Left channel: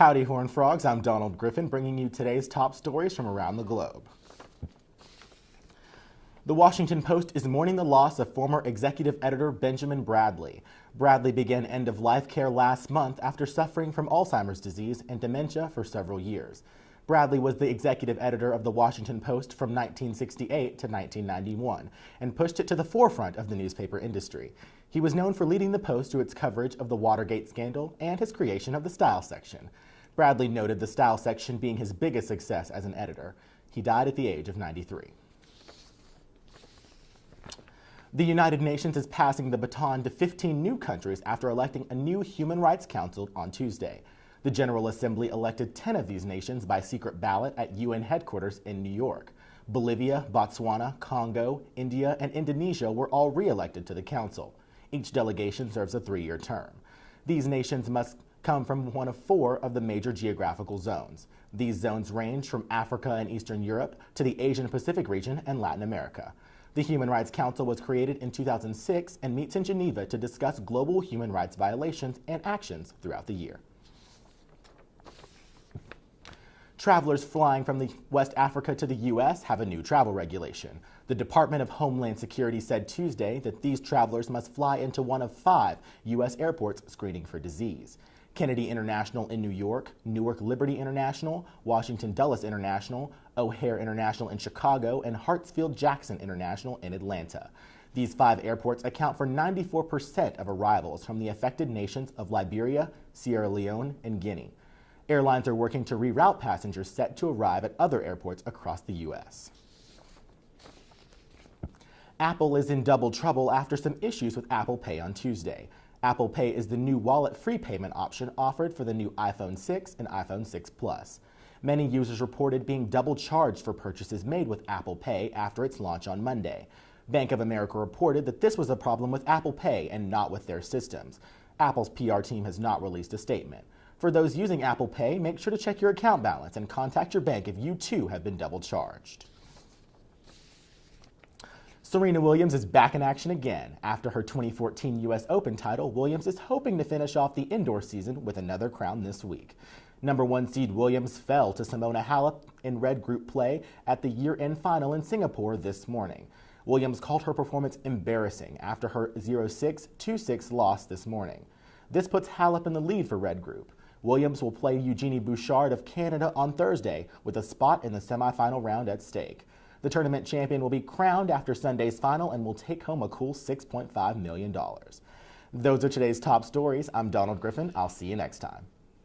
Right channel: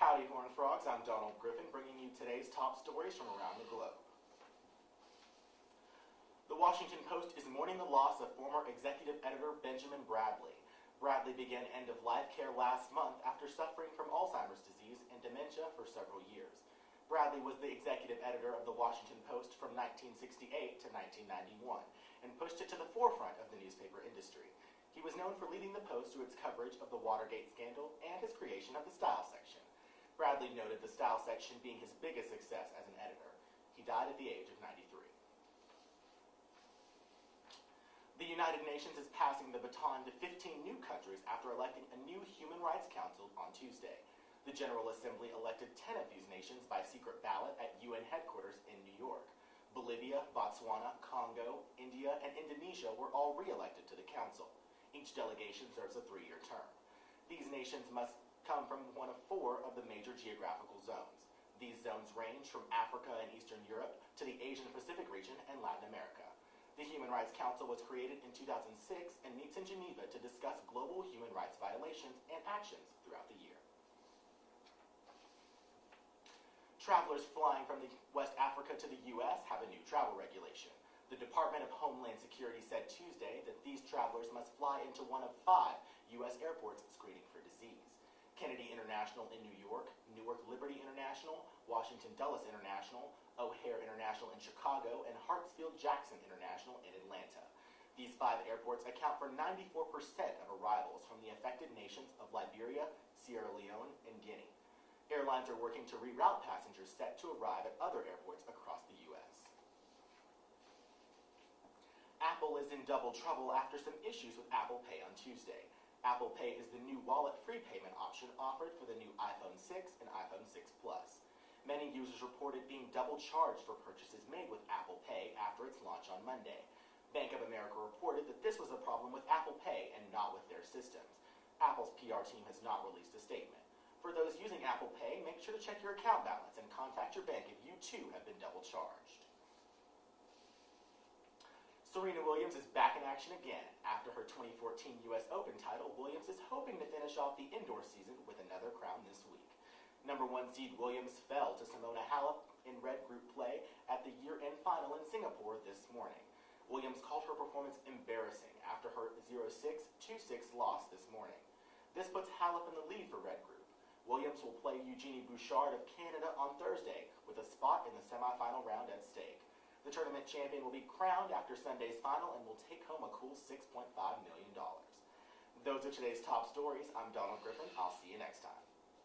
Howdy, Horned Frogs. I'm Donald Griffin, bringing you today's top stories from around the globe. The Washington Post is mourning the loss of former executive editor Benjamin Bradley. Bradley began end-of-life care last month after suffering from Alzheimer's disease and dementia for several years. Bradley was the executive editor of the Washington Post from 1968 to 1991 and pushed it to the forefront of the newspaper industry. He was known for leading the Post through its coverage of the Watergate scandal and his creation of the Style section. Bradley noted the Style section being his biggest success as an editor. He died at the age of 93. The United Nations is passing the baton to 15 new countries after electing a new Human Rights Council on Tuesday. The General Assembly elected 10 of these nations by secret ballot at UN headquarters in New York. Bolivia, Botswana, Congo, India, and Indonesia were all re-elected to the Council. Each delegation serves a 3-year term. These nations must come from one of 4 of the major geographical zones. These zones range from Africa and Eastern Europe to the Asian Pacific region and Latin America. The Human Rights Council was created in 2006 and meets in Geneva to discuss global human rights violations and actions throughout the year. Travelers flying from West Africa to the U.S. have a new travel regulation. The Department of Homeland Security said Tuesday that these travelers must fly into one of 5 U.S. airports screening for disease: Kennedy International in New York, Newark Liberty International, Washington Dulles International, O'Hare International in Chicago, and Hartsfield-Jackson International in Atlanta. These 5 airports account for 94% of arrivals from the affected nations of Liberia, Sierra Leone, and Guinea. Airlines are working to reroute passengers set to arrive at other airports across the U.S. Apple is in double trouble after some issues with Apple Pay on Tuesday. Apple Pay is the new wallet-free payment option offered for the new iPhone 6 and iPhone 6 Plus. Many users reported being double charged for purchases made with Apple Pay after its launch on Monday. Bank of America reported that this was a problem with Apple Pay and not with their systems. Apple's PR team has not released a statement. For those using Apple Pay, make sure to check your account balance and contact your bank if you too have been double charged. Serena Williams is back in action again. After her 2014 U.S. Open title, Williams is hoping to finish off the indoor season with another crown this week. Number 1 seed Williams fell to Simona Halep in red group play at the year-end final in Singapore this morning. Williams called her performance embarrassing after her 0-6, 2-6 loss this morning. This puts Halep in the lead for red group. Williams will play Eugenie Bouchard of Canada on Thursday with a spot in the semifinal round at stake. The tournament champion will be crowned after Sunday's final and will take home a cool $6.5 million. Those are today's top stories. I'm Donald Griffin. I'll see you next time.